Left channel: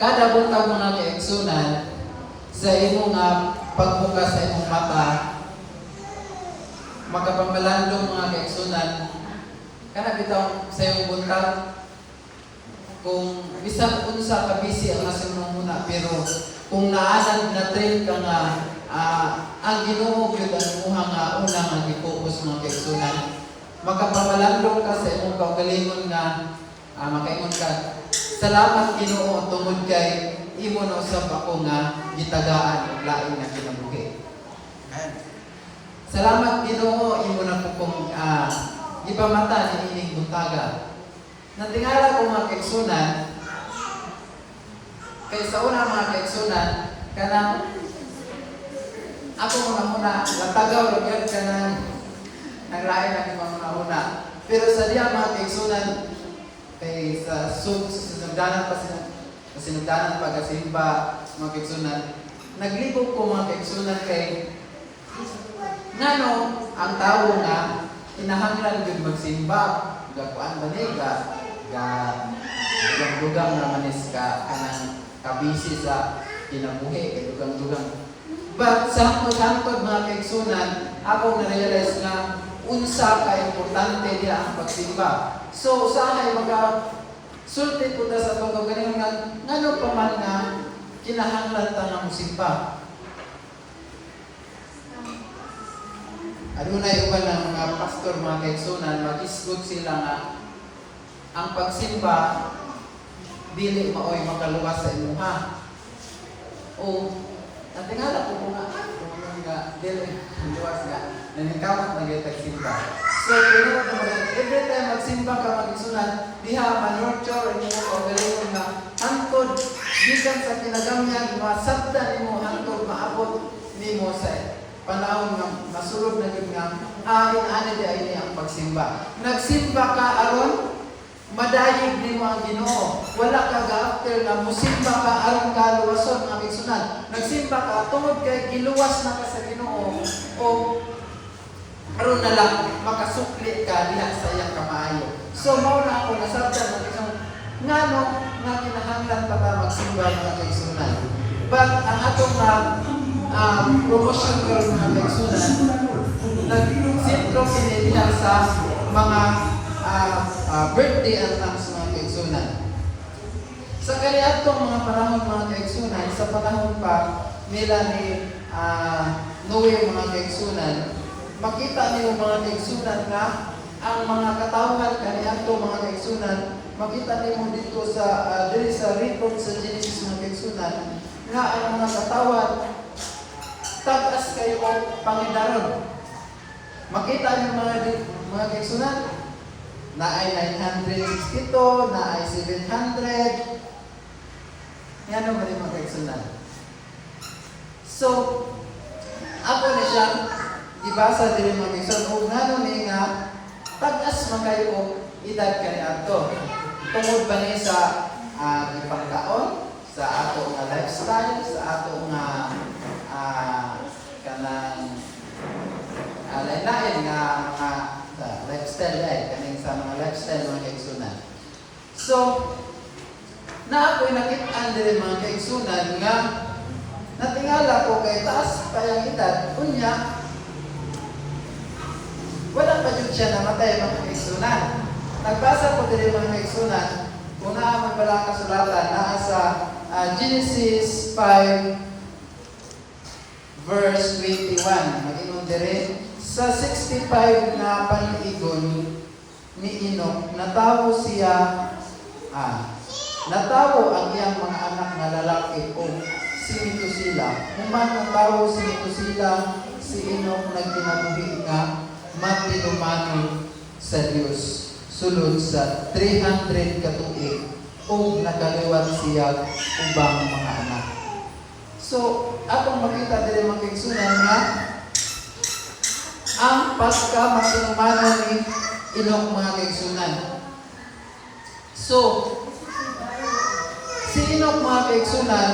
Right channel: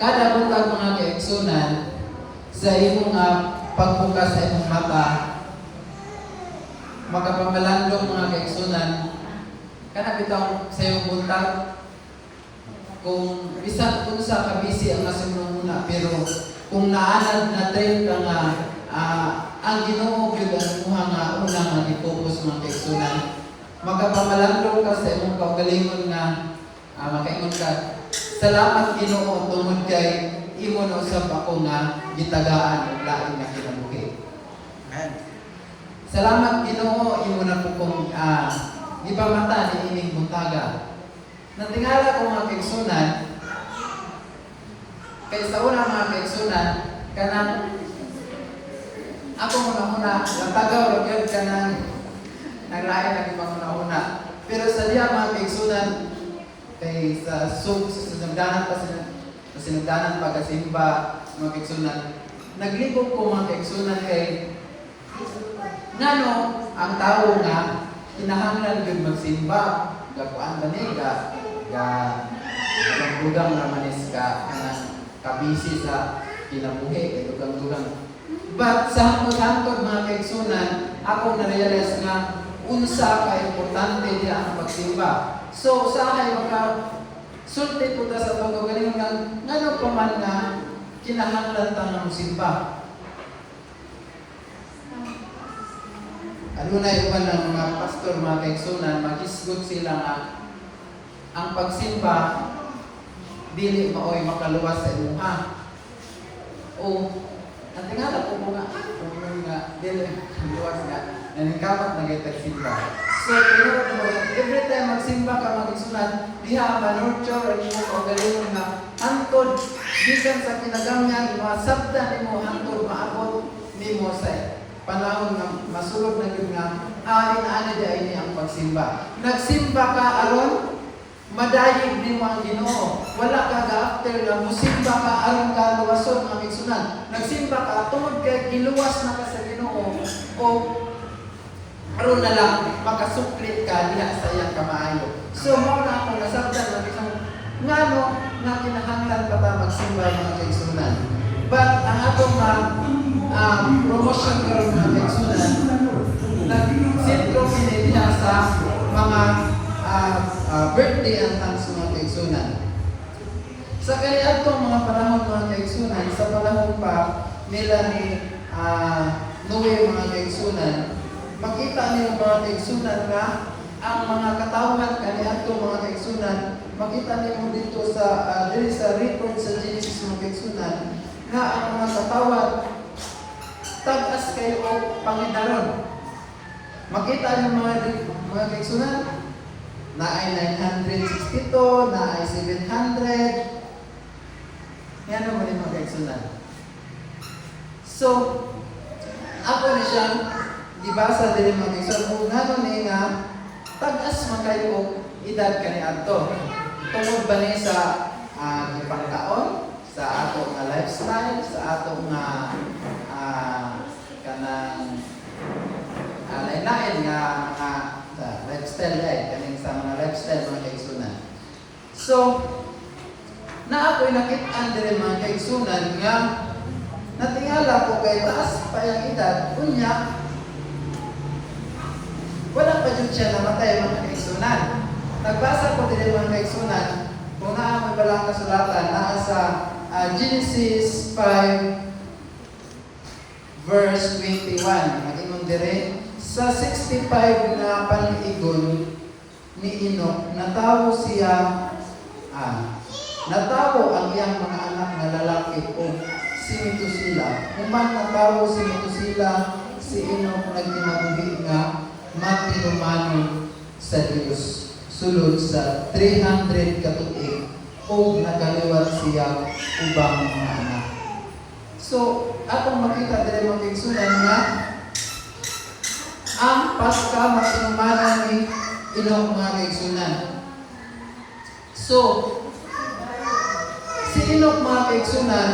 kada buntag mga kaigsunan sa imo nga pagbukas sa imong mata, makapamalandong mga kaigsunan, kana bitaw sa iyong buntag, kung bisan unsa ka busy ang nasunod muna, pero kung naanad na train ka nga ang Ginoo gyud ang imuha nga una nga gi-focus mga kaigsunan, makapamalandong ka sa imong kaugalingon nga makaingon ka, salamat Ginoo tungod kay imo na usab ako nga gitagaan og lain nga kinabuhi. Salamat Ginoo imo na ko kung gipamata ni ining buntaga. Natingala ko mga kaigsunan, kay sa una mga kaigsunan, kanang ako muna natagaw lang yun kanang naglain lang iba muna. Pero sa diya mga kaigsunan, kay sa sinugdanan pa kasimba mga kaigsunan, naglibog ko mga kaigsunan kay ngano ang tao nga kinahanglan gyud magsimba, gakuan ba ni dugang na manis ka kanang kabisi sa kinabuhi kay dugang. But sa hangtod mga kaigsunan, ako na-realize nga unsa ka importante diya ang pagsimba. So usahay maka sulti po ta sa itong galing nga ngano pa man nga kinahanglan ta nga musimba. Adunay uban ng mga pastor mga kaigsunan, magisgot sila nga ang pagsimba dili maoy makaluwas sa imuha. O natingala ko nga dili luwas nga naningkamot na gaytag simba. So pero every time magsimba ka magigsunan, diha manurture ang imo kaugalingon nga hangtod gikan sa pinagamyan nga sabta nimo hangtod maabot nimo sa panahon nga masulod na gyud nga ani di ay ang pagsimba. Nagsimba ka aron madayig nimo ang Ginoo. Wala ka ga-after na musimba ka aron ka luwason mga kaigsunan. Nagsimba ka tungod kay giluwas na ka sa Ginoo o aron na lang makasuklit ka diha sa iyang kamaayo. So mao na ako nasabtan ng isang ngano nga kinahanglan pa ta magsimba mga kaigsunan. But ang atong promotion karon mga kaigsunan, nag-sentro kini diha sa mga birthday anthems mga kaigsunan. Sa kaniadtong mga panahon mga kaigsunan, sa panahon pa nila ni Noe mga kaigsunan, makita niyo mga kaigsunan nga ang mga katawhan kaniadtong mga kaigsunan, makita niyo dito sa diri sa report sa Genesis mga kaigsunan nga ang mga katawhan tag-as kayo o pangidaron. Makita niyo mga kaigsunan na ay 962, na ay 700. Yan naman yung mga kaigsunan. So, ako na siyang dibasa din mga kaigsunan. Kung nga ni nga, tag-as man kayo edad ka ni ato. Tungod ba niya sa ipangkaon, sa ato nga lifestyle, sa ato nga kanang lain-lain nga mga lifestyle kaning sa mga lifestyle mga kaigsunan. So na ako'y nakit-an diri mga kaigsunan nga natingala ko kay taas pa yung edad unya wala pa jud siya namatay mga kaigsunan. Nagbasa ko diri mga kaigsunan kung naa man bala kasulatan naa sa Genesis 5 verse 21 mag-ingon diri sa 65 na paniigon ni Enoch, natawo siya, natawo ang iyang mga anak na lalaki o si Metusela. Human natawo si Metusela, si Enoch nagkinabuhi nga matinumano sa Dios. Sulod sa 300 katuig o nagaliwat siya ubang mga anak. So, atong makita diri mga kaigsunan nga ang pagka-masinumano ni Enoch mga kaigsunan. So, si Enoch mga kaigsunan,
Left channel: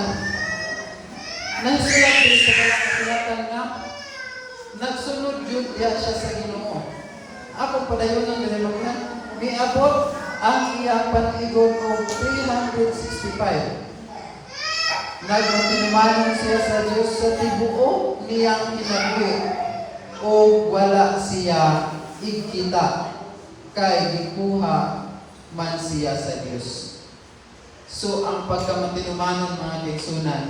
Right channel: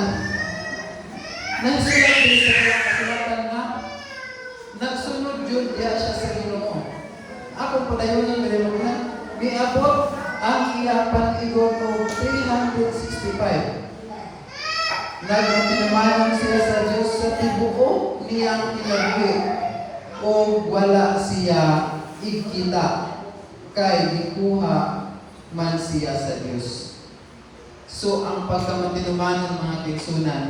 nagsulat din sa kasulatan nga nagsunod jud diya siya sa Ginoo. Ako padayon diri mga miabot ang iya panigon og 365. nagmatinumanon siya sa Diyos sa tibuok niyang kinabuhi o wala siya ikita kay gikuha man siya sa Diyos. So ang pagkamatinumanon mga kaigsunan,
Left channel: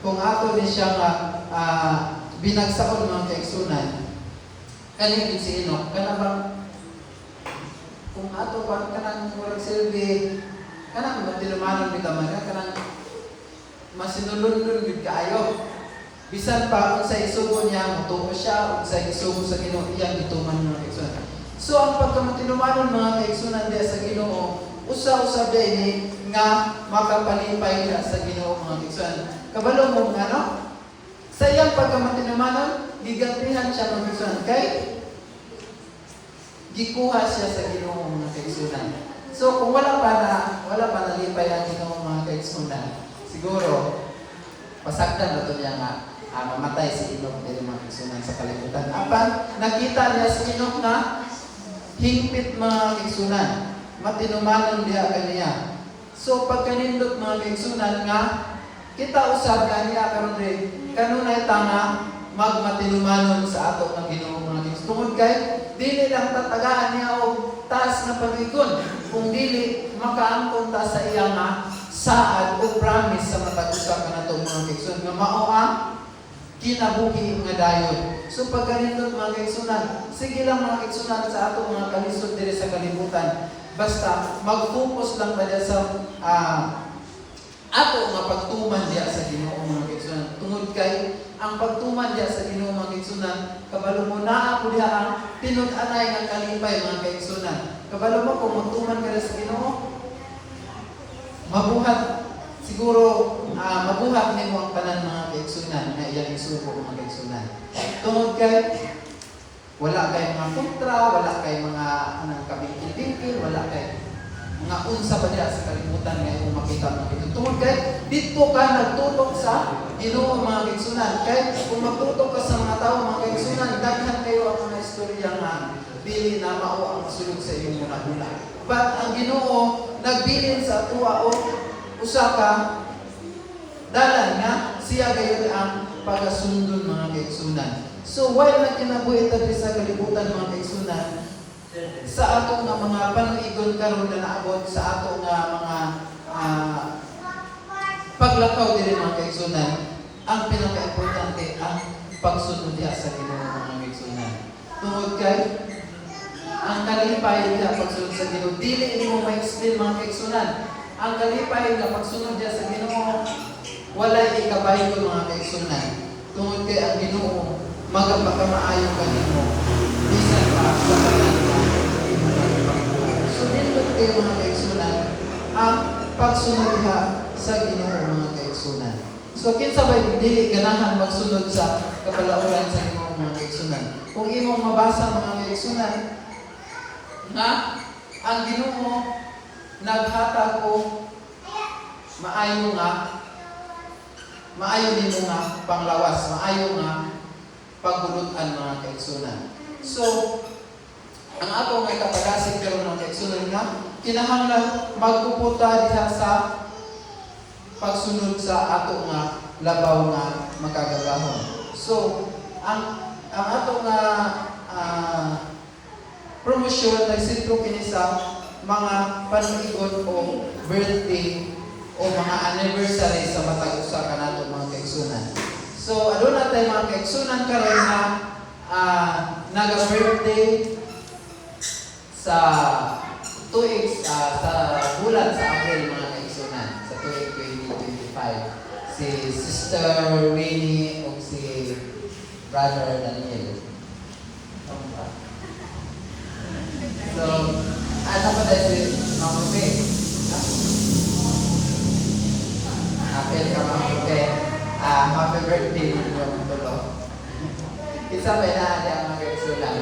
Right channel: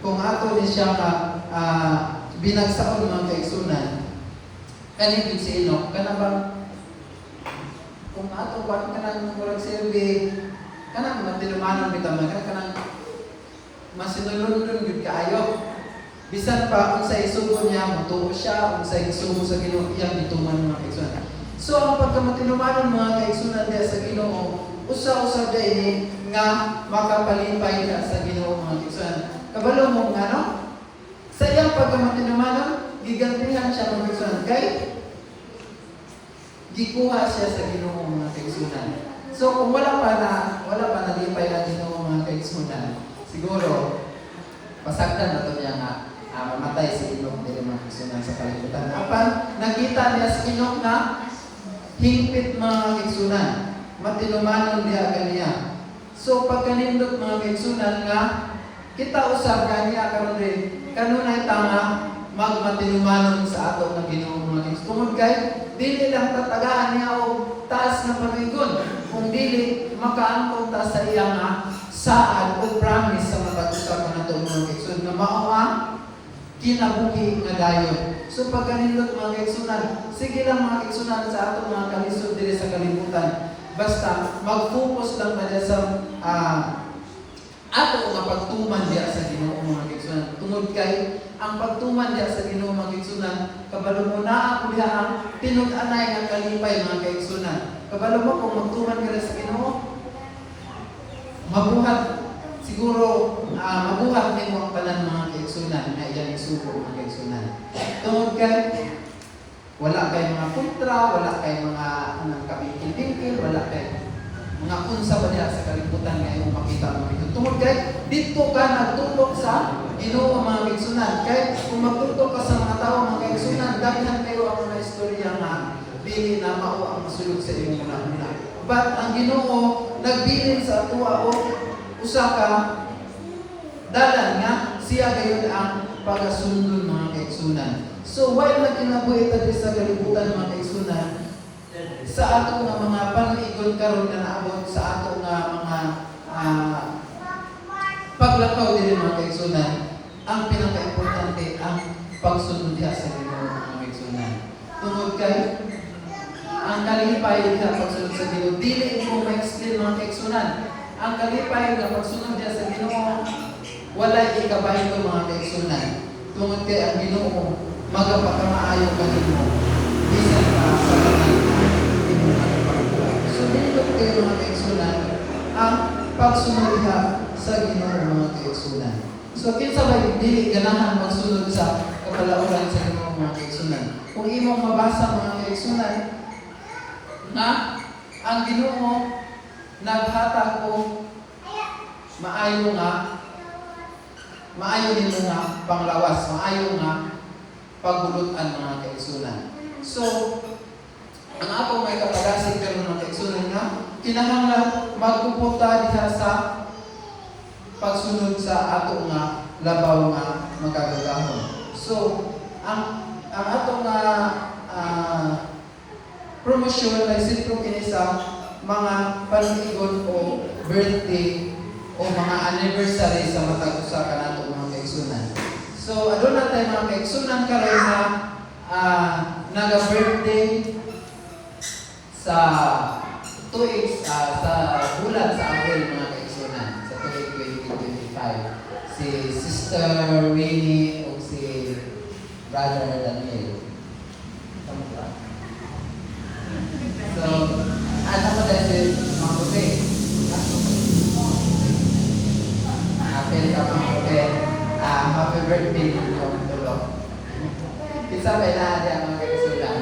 kung ato ni siya nga binagsaon mga kaigsunan, kanipin si Enoch, kanabang kung ato kanang murag silbi, kanang matinumanon bitaw man kanang masinulundon gyud kaayo. Bisan pa kung sa isugo niya motuo siya, kung sa isugo sa Ginoo iyang gituman mga kaigsunan. So ang pagkamatinumanon mga kaigsunan diya sa Ginoo, usa-usa day nga makapalipay ka sa Ginoo mga kaigsunan. Kabalo mo nga no? Sa iyang pagkamatinumanon, gigantihan siya mga kaigsunan kay gikuha siya sa Ginoo mga kaigsunan. So kung wala pa nalipay ang Ginoo mga kaigsunan, siguro pasagdan na to niya nga mamatay si Enoch dili mga kaigsunan sa kalibutan. Apan nakita niya si Enoch na hingpit mga kaigsunan, matinumanon diha kaniya. So pagkanindot mga kaigsunan nga kita usab kaniya karon rin kanunay tanga magmatinumanon sa ato nga Ginoo mga kaigsunan. Tungod kay dili lang tatagaan niya og taas na pag-igon, kung dili makaangkon ta sa iya nga saad o promise sa matag usa ka nato mga kaigsunan nga mao ang kinabuhi nga dayon. So pagkanindot mga kaigsunan, sige lang mga kaigsunan sa ato mga kalisod diri sa kalibutan. Basta mag-focus lang ba sa ato nga pagtuman diya sa Ginoo mga kaigsunan. Tungod kay ang pagtuman diya sa Ginoo mga kaigsunan, kabalo mo na ako diha ang pinud-anay nga kalipay mga kaigsunan. Kabalo mo kung magtuman ka sa Ginoo, mabuhat siguro mabuhat nimo ang tanan mga kaigsunan na iyang isugo mga kaigsunan. Tungod kay wala kay mga kontra, wala kay mga anang kamikil-bingkil, wala kay mga unsa pa diha sa kalibutan nga imong makita mga kaigsunan. Tungod kay dito ka nagtutok sa Ginoo mga kaigsunan. Kay kung magtutok ka sa mga tawo mga kaigsunan, daghan kayo ang mga istorya nga dili na mao ang masulod sa imong una-una. But ang Ginoo nagbilin sa tuwa o usa ka dalan nga siya gayon ang pagasundon mga kaigsunan. So while nagkinabuhi ta sa kalibutan mga kaigsunan, sa ato nga mga panigon karon na naabot sa ato nga mga paglakaw diri mga kaigsunan, ang pinaka-importante ang pagsunod diha sa Ginoo mga kaigsunan. Tungod kay ang kalipay diha pagsunod sa Ginoo, dili mo ma-explain mga kaigsunan. Ang kalipay nga pagsunod diha sa Ginoo, walay ikabahin ko mga kaigsunan. Tungod kay ang Ginoo magapakamaayo kanimo bisan pa sa pagkakita. So dito kayo mga kaigsunan ang pagsunod diha sa Ginoo mga kaigsunan. So kinsa ba dili ganahan magsunod sa kapalauran sa Ginoo mga kaigsunan? Kung imong mabasa mga kaigsunan nga ang Ginoo naghatag og maayo nimo nga panglawas, maayo nga pagbulutan mga kaigsunan. So ang ato nga kapagasig karon mga kaigsunan nga kinahanglan magpupunta diha sa pagsunod sa ato nga labaw nga makagagahon. So ang ato nga promosyon nagsitro kini sa mga panigon o birthday o mga anniversary sa matag usa kanato mga kaigsunan. So aduna tay mga kaigsunan karon na naga-birthday sa tuig sa bulan sa Abril mga kaigsunan sa tuig 2025. Si Sister Winnie o si Brother Daniel. So, ano mo dahil mabuti? Happy ka mabuti. Happy birthday yung tulo. Isa ba na ang mga kaigsunan?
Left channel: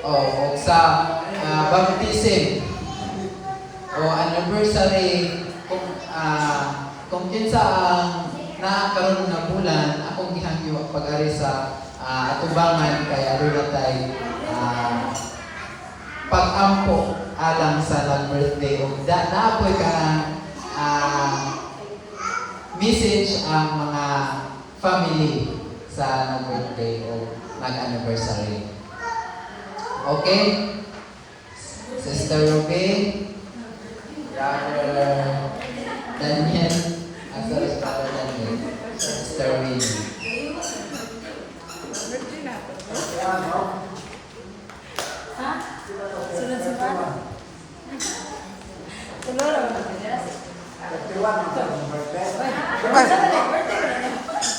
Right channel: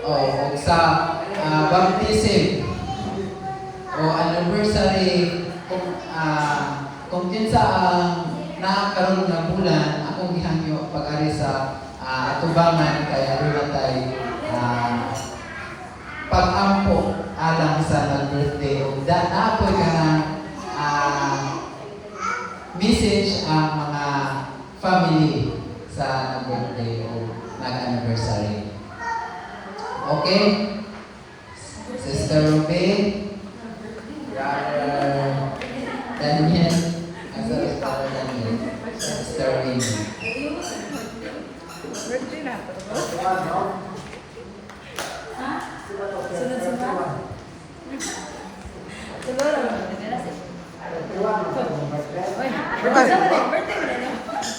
O sa baptism o anniversary kung kinsa ang nakaroon na bulan akong gihangyo pag-ari sa atubangan kay aduna tay pag-ampo matang sa nag-birthday o naapoy ka na message ang mga family sa nag-birthday o nag-anniversary. Okay? Sister Ruby, Brother Daniel, sorry, Brother Daniel, Sister Winnie. Birthday na to. Ha? Sunod-sunod? Tuloy lang naman niya.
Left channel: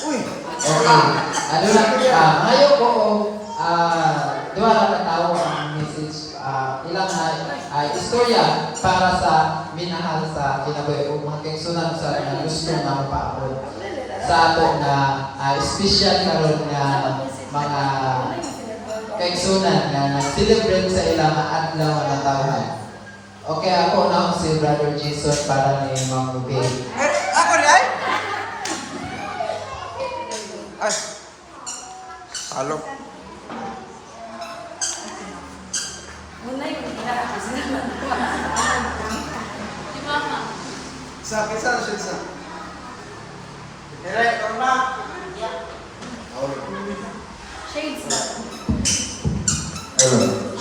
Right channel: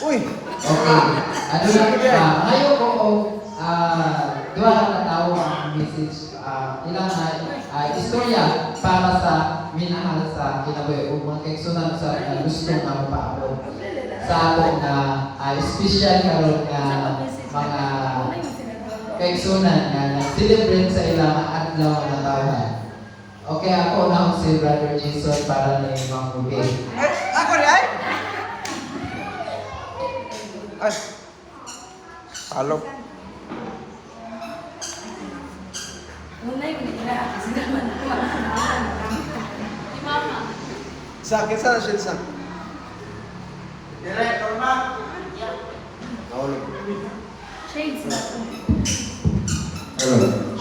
Uy! Okay. Ano lang siya? Ngayon ko, duha lang katawo ang message. Ilang na istorya para sa minahal sa kinabuhi o mga kaigsunan sa gusto na mapaabot sa ako na special na mga kaigsunan na nag-celebrate sa ilang adlaw na tawhan. Okay, ako na si Brother Jason para may mga bugay. Ako rin ay? Ay! Salok. Una yung nilakakis naman. Yung mama. Sa akin sa shit sa. Direct, na. Nahulog. Shades na. Ayun.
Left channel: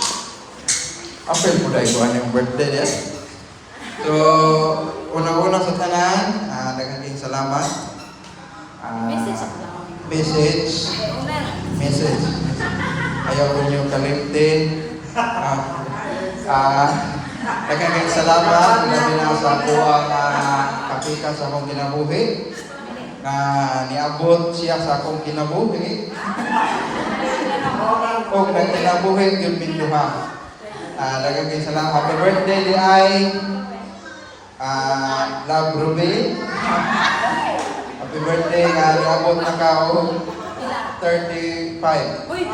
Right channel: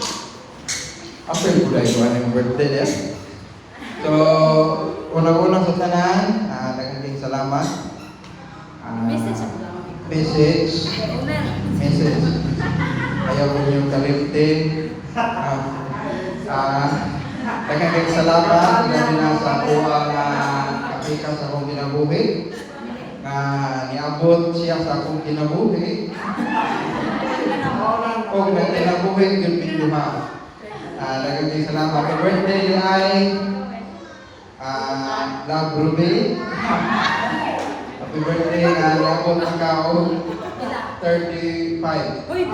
After ko lang yung birthday niya. So, unang-unang sa tanan, nagandang salamat. Message ako lang. Message. Una. Message. Ayaw ko niyong kalimti. Nagandang salamat. Dahil na sa ako ang kapika sa akong kinabuhi. Na niabot siya sa akong kinabuhi. O nagkinabuhi yung videoha. Nagandang salamat. Happy birthday di ay Love Ruby. Happy birthday na niabot na kao 35. Uy!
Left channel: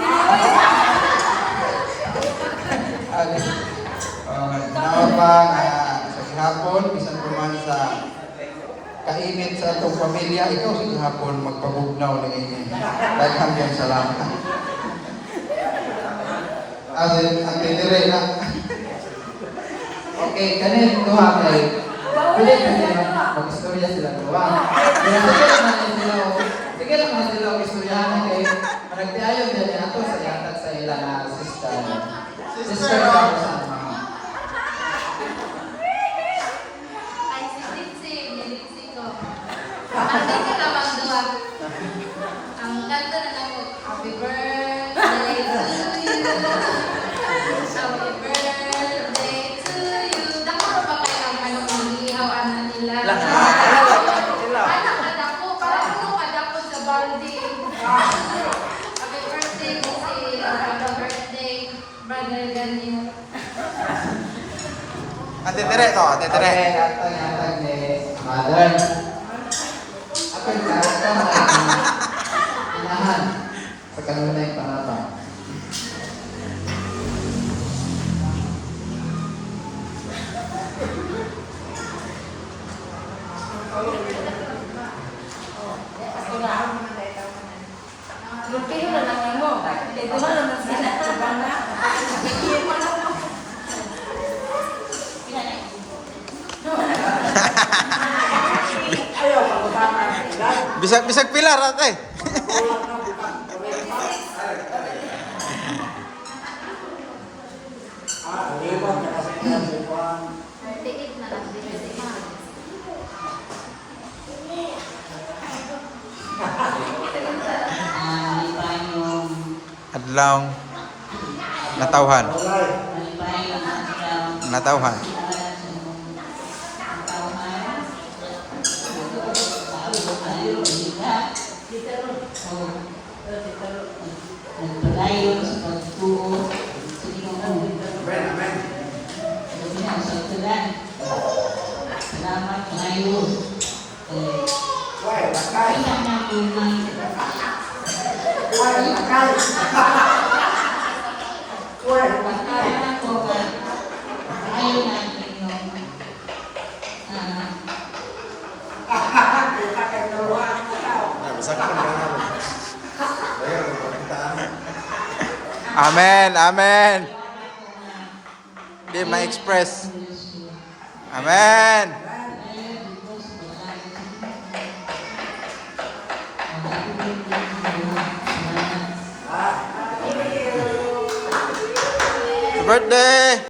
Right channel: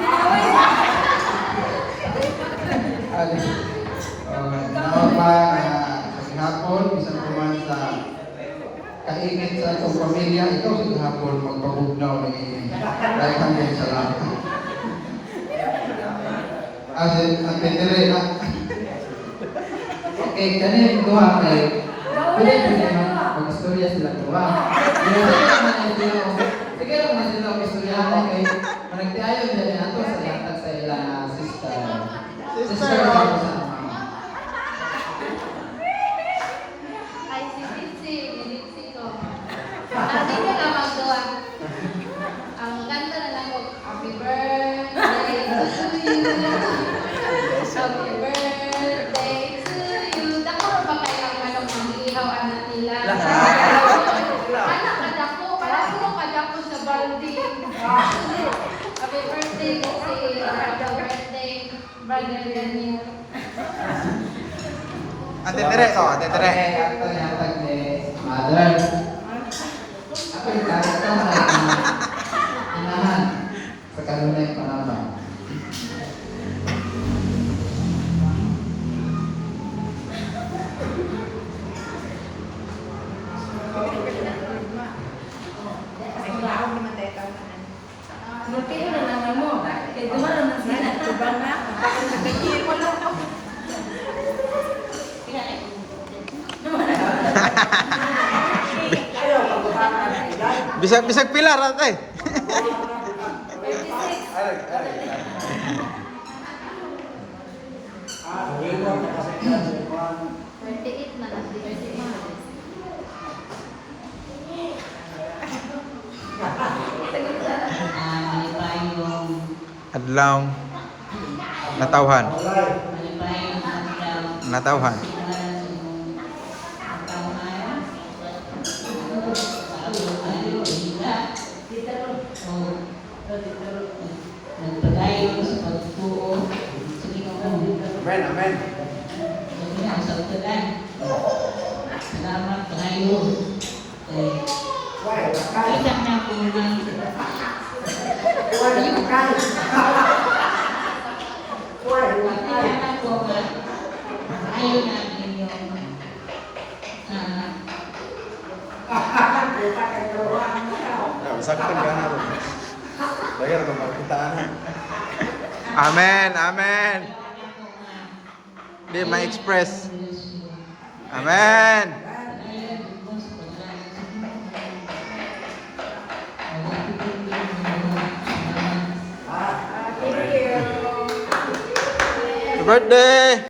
Naon pa nga sa gihapon, bisan pa man sa kainit sa atong pamilya, ikaw sa gihapon magpabugnaw ng ini. Dahil hanggang salamat. Ang tinire na. Okay, kanin duha kay pwede kasi mag-istorya sila duha. Sige lang na sila mag-istorya kay managtiayon dyan nato sa ihatag sa ilang sister. Sister Ay, si Dixie ko. Hindi ko na magdawa. Ang kanta na lang ko, Happy birthday to you. Happy birthday to you. Dako pa kaya manok ng ihaw anak nila. Anak ka dako, parang ano ka dako sa baldi. Happy birthday to you. Happy birthday, Brother Daniel. Ate Tere to, Ate Tere. Ang ihatag ni Mother. Ako yung karata na inahan sa kanunay panabang. Kayo na nanay mo. Duma naman sila. Subang na. Bisag pilar ate. Tiit na lang din si Ma. Adlaw. Natawhan. Natawhan. Salamat kayo. Isang na po naman. Ayaw natin yung Amen, amen. di ma-express. Amen. Happy birthday!